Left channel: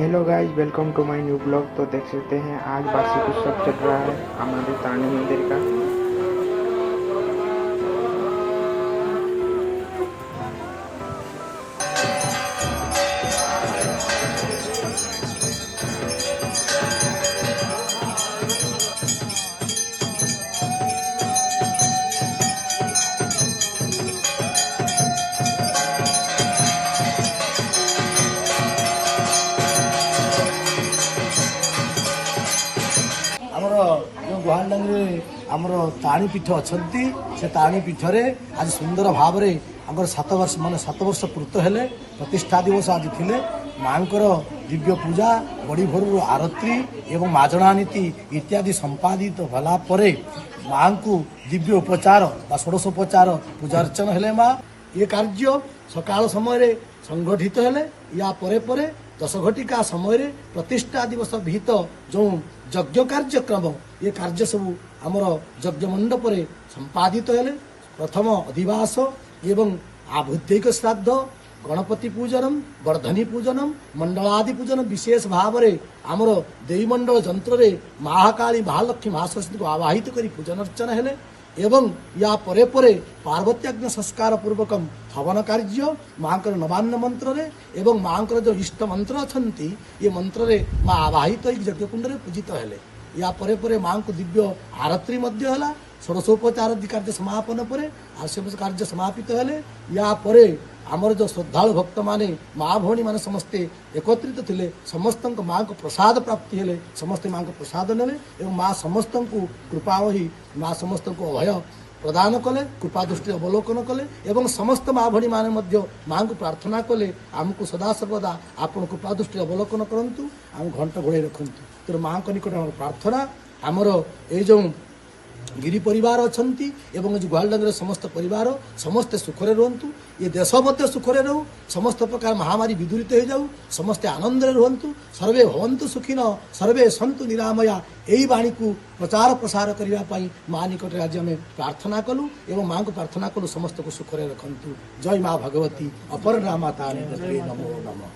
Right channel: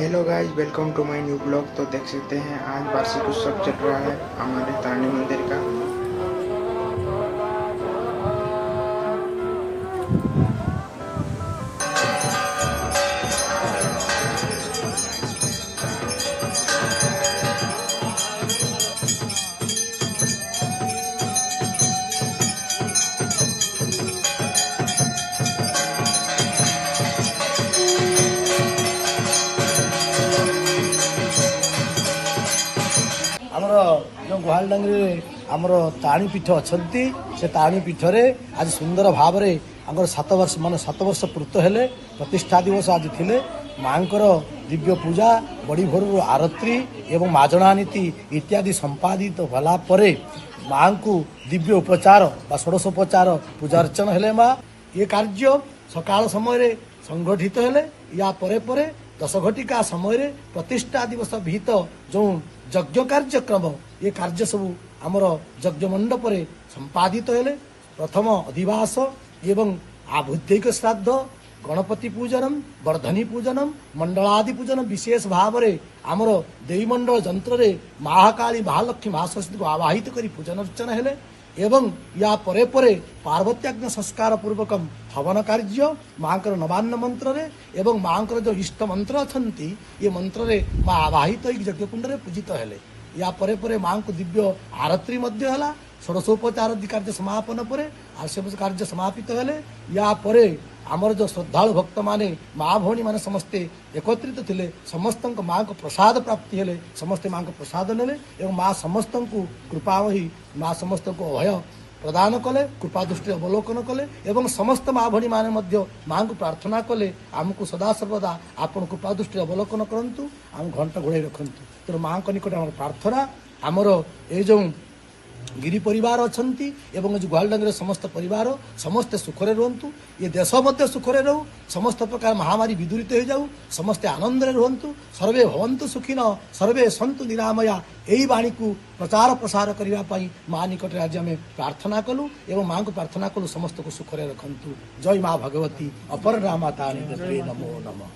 Hello guys, welcome to my new blog. तो देख सकते हैं आज वार्षिक उत्सव चल रहा है हमारे तारणी मंदिर का। ଆମର ଗୁହାଳଡାଙ୍ଗରେ ଆମର ତାରିଣୀ ପୀଠ ଅଛନ୍ତି। ସେ ତାରିଣୀ ପୀଠରେ ଆଜି ସୁନ୍ଦର ଭାବରେ ଆମର 7 ବର୍ଷ ପୂର୍ତ୍ତ ହେଲେ ପ୍ରତିଷ୍ଠା ଦିବସ ଆଜି ଥିଲେ। ମାଙ୍କର ଦିବ୍ୟ ପୂଜା, ବଡ଼ି ଭୋରରୁ ଆରତି ଏବଂ ମାଜଣା ନୀତି ଇତ୍ୟାଦି ସମ୍ପାଦିତ ହେଲା ପରେ ମାଙ୍କୁ ଦିବ୍ୟ ଉପଚାର ବା ଷୋଡ଼ଶୋପଚାର ପୂଜା ଅର୍ଚ୍ଚନା ହେଲେ। ମା ଏ କାର୍ଯ୍ୟ ସକାଳ ସମୟରେ ସଂଗଠିତ ହେଲେ। ୟା ପରେ ପରେ 10 ଘଟିକା ସମୟରେ ପ୍ରତିଷ୍ଠା ଦିବସ ବିହିତ ଯେଉଁ ଯଜ୍ଞ କାର୍ଯ୍ୟକ୍ରମ, ଏ କାର୍ଯ୍ୟ ସବୁ ଆମର ଯଜ୍ଞ ମଣ୍ଡପରେ ସମ୍ପାଦିତ ହେଲେ। ପ୍ରଥମ ଅଧିବାସ ଏବଂ ଆଭୃତ୍ୟୈକ ଶ୍ରାଦ୍ଧ, ଗଣପତି ପୂଜନମ୍, ବର୍ଦ୍ଧନୀ ପୂଜନମ୍, ମଣ୍ଡଳାଦି ପୂଜନ ବିଶେଷ ଭାବରେ ଆମର ଦେବୀମଣ୍ଡଳ ଯନ୍ତ୍ରରେ ମହାକାଳୀ, ମହାଲକ୍ଷ୍ମୀ, ମହାସରସ୍ୱତୀଙ୍କୁ ଆବାହିତ କରି ପୂଜନ ଅର୍ଚ୍ଚନା ହେଲେ। ଏବଂ ୟା ପରେ ପରେ ପାର୍ବତ୍ୟାଗ୍ନ ସଂସ୍କାର ପୂର୍ବକ ହବନ କାର୍ଯ୍ୟ ମାଙ୍କର ନବାନ୍ନ ମନ୍ତ୍ରରେ ଏବଂ ମାଙ୍କର ଯେଉଁ ଇଷ୍ଟ ମନ୍ତ୍ର ଅଛନ୍ତି ଏ ମନ୍ତ୍ରରେ ମା ଆବାହିତ ହୋଇ ଯଜ୍ଞକୁଣ୍ଡରେ ପୂଜିତ ହେଲେ। ୟା ପରେ ପରେ ମାଙ୍କୁ ଦିବ୍ୟ ଆରତି ମଧ୍ୟ ହେଲା। ଷୋଡ଼ଶୋପଚାର କାର୍ଯ୍ୟ ସମାପନ ପରେ ଆଶୀର୍ବାଦ କାର୍ଯ୍ୟ ସମାପିତ ହେଲେ। ୟା ପରେ ଆମର ଯେଉଁ ଶ୍ରଦ୍ଧାଳୁ ଭକ୍ତମାନେ, ମା ଭଉଣୀମାନେ ସମସ୍ତେ ଏକତ୍ରିତ ଥିଲେ, ସମସ୍ତଙ୍କ ମାଙ୍କ ପ୍ରସାଦ ପ୍ରାପ୍ତି ହେଲେ। ସମସ୍ତେ ମାଙ୍କ ପ୍ରସାଦ ନେଲେ ଏବଂ ମା ସମସ୍ତଙ୍କୁ କୃପାବହି, ମା ସମସ୍ତଙ୍କୁ ଅଭୟ ପ୍ରଦାନ କଲେ, କୃପା ଦୃଷ୍ଟିରେ ଅବଲୋକନ କଲେ ଏବଂ ସମସ୍ତ ମା ଭଉଣୀମାନେ ମଧ୍ୟ ମାଙ୍କୁ ପ୍ରାର୍ଥନା କଲେ, ଆମକୁ ସଦାସର୍ବଦା ଆପଣ କୃପା ଦୃଷ୍ଟିରେ ଅବଲୋକନ କରନ୍ତୁ, ଆମକୁ ଘଣ୍ଟ ଘୋଡ଼ାଇ ରଖନ୍ତୁ। ତେଣୁ ମାଙ୍କ ନିକଟରେ ଆମର ପ୍ରାର୍ଥନା, ଆମର ଏଇ ଯେଉଁ ଗିରି ପରିବାର ଅଛନ୍ତି ଏବଂ ଗୁହାଳଡାଙ୍ଗରେ ସମସ୍ତ ପରିବାର ସମସ୍ତେ ସୁଖରେ ରୁହନ୍ତୁ। ଏ ଦେଶ ମଧ୍ୟ ସୁଖରେ ରହୁ, ସମସ୍ତ ପ୍ରକାର ମହାମାରୀ ବିଦୂରିତ ହୋଇଯାଉ, ସମସ୍ତେ ଆନନ୍ଦରେ ରୁହନ୍ତୁ। ସର୍ବେ ଭବନ୍ତୁ ସୁଖିନ, ସର୍ବେ ସନ୍ତୁ ନିରାମୟା। ଏହି ବାଣୀକୁ ପ୍ରଚାର ପ୍ରସାର କରିବା ପାଇଁ ମା ନିକଟରେ ଆଜି ଆମେ ପ୍ରାର୍ଥନା କଲୁ ଏବଂ ମାଙ୍କୁ ପ୍ରାର୍ଥନା କଲୁ ସମସ୍ତଙ୍କୁ ସୁଖରେ ରଖନ୍ତୁ। ଜୟ ମା ଭଗବତୀ, ଅପରନା ମା ତାରିଣୀ, ନମୋ ନମଃ।